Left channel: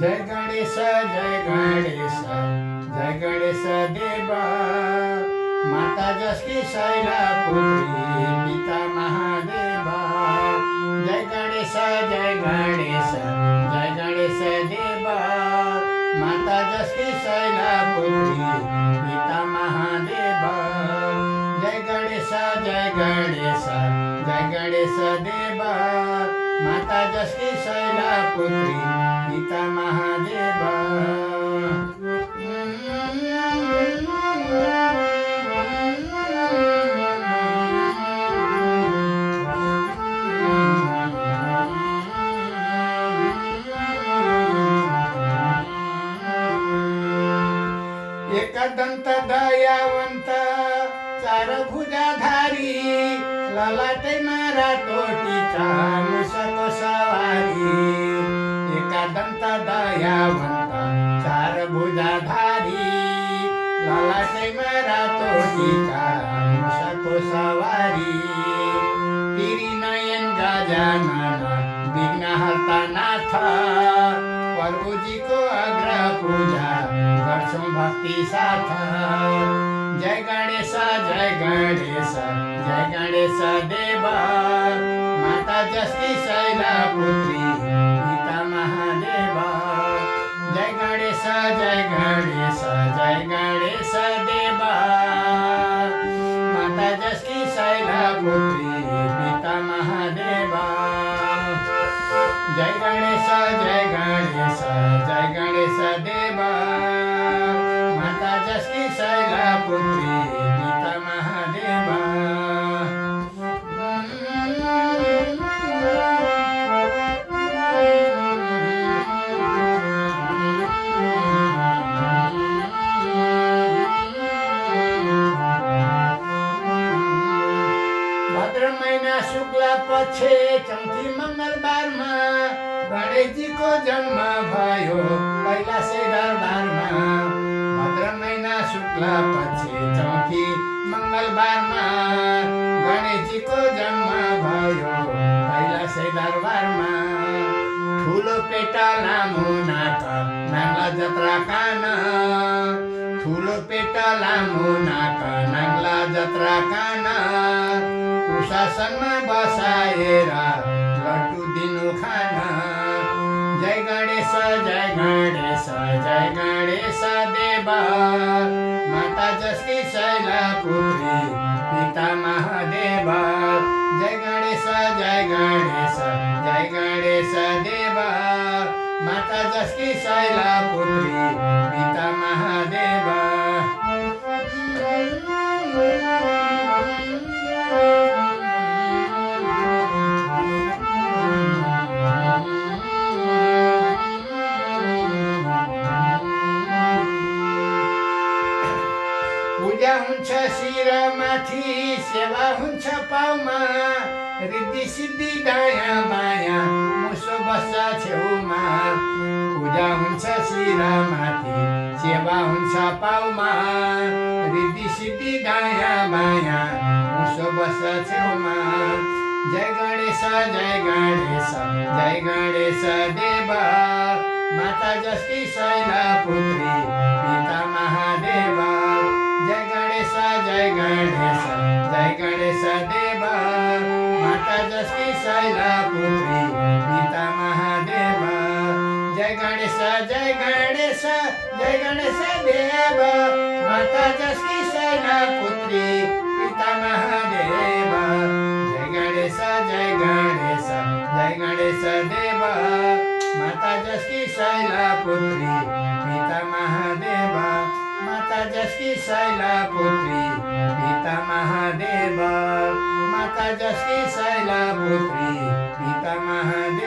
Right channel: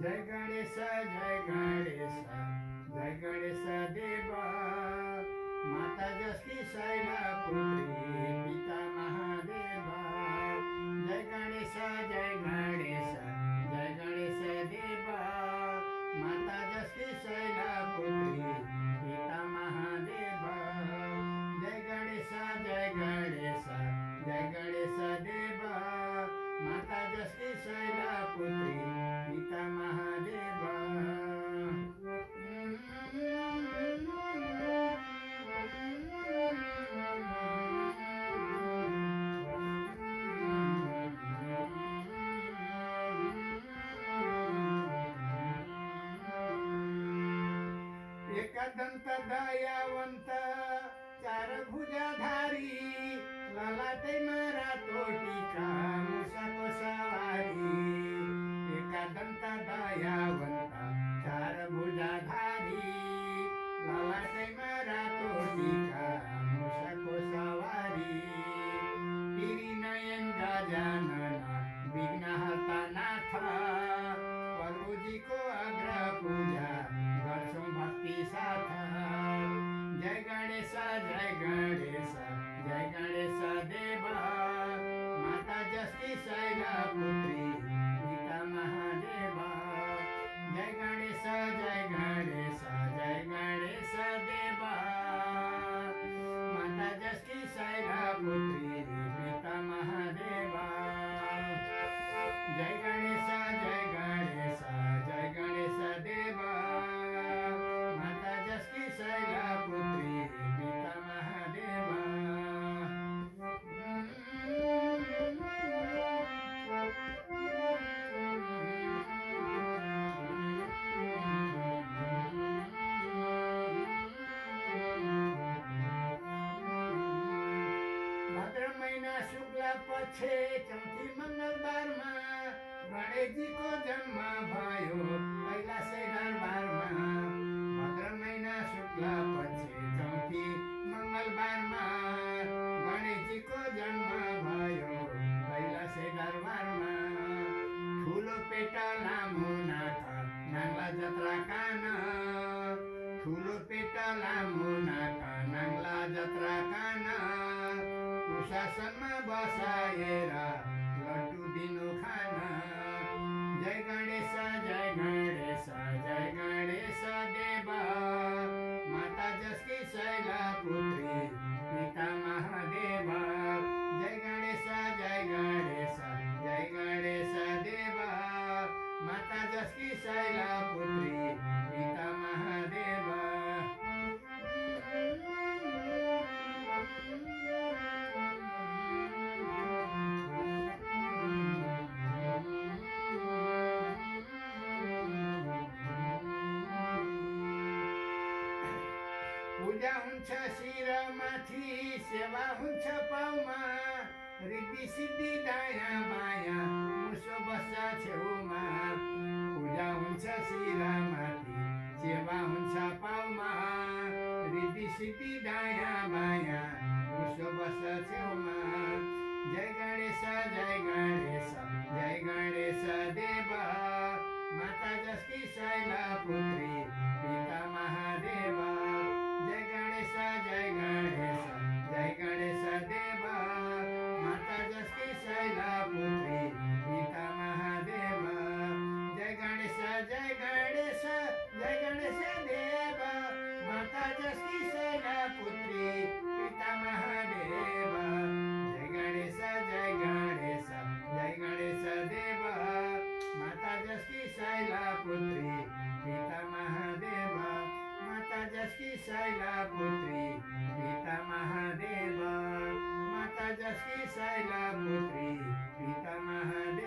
जय गणेश जय गणेश जय गणेश देवा। माता जसकी शैला पुत्री पिता महादेवा। जय गणेश जय गणेश जय गणेश देवा। माता जसकी शैला पुत्री पिता महादेवा। जय गणेश जय गणेश जय गणेश देवा। माता जसकी शैला पुत्री पिता महादेवा। एकदंत दयावंत चार भुजाधारी ललाटे मारा तोटीचा मुसक सवारी। एकदंत दयावंत चार भुजाधारी ललाटे मारा तोटीचा मुसक सवारी। तिरी नयन गजानन विघ्नहर्ता नाथ। प्रभुजी को अग्र पूजा गर्छौं भक्ति साथ। जय गणेश जय गणेश जय गणेश देवा। माता जसकी शैला पुत्री पिता महादेवा। जय गणेश जय गणेश जय गणेश देवा। माता जसकी शैला पुत्री पिता महादेवा। जय गणेश जय गणेश जय गणेश देवा। माता जसकी शैला पुत्री पिता महादेवा। भाद्र महिना शुक्ला पक्षे चौथी मंगलबारमा गणेशजी को जन्म भयो कैलाशे दरबारमा। भाद्र महिना शुक्ला पक्षे चौथी मंगलबारमा गणेशजी को जन्म भयो कैलाशे दरबारमा। ठुलो पेटा लामो नाक नाङ्ला जत्रा कान। ठुलो पेटा लामो नाक नाङ्ला जत्रा कान। कुशासनमा बसाएर लड्डु दिनु खान। जय गणेश जय गणेश जय गणेश देवा। माता जसकी शैला पुत्री पिता महादेवा। जय गणेश जय गणेश जय गणेश देवा। माता जसकी शैला पुत्री पिता महादेवा। पूजा हुन्छ शिरमाथि सेवा हुन्छ पाउमा। रिद्धि सिद्धि दायाँ बायाँ मुसो बस्छ छेउमा। पूजा हुन्छ शिरमाथि सेवा हुन्छ पाउमा। रिद्धि सिद्धि दायाँ बायाँ मुसो बस्छ छेउमा। जय गणेश जय गणेश जय गणेश देवा। माता जसकी शैला पुत्री पिता महादेवा। जय गणेश जय गणेश जय गणेश देवा। माता जसकी शैला पुत्री पिता महादेवा। जय गणेश जय गणेश जय गणेश देवा। माता जसकी शैला पुत्री पिता महादेवा। जय गणेश जय गणेश जय गणेश देवा। माता जसकी शैला पुत्री पिता महादेवा। माता जसकी शैला पुत्री पिता महादेवा। माता जसकी शैला पुत्री पिता महादेवा।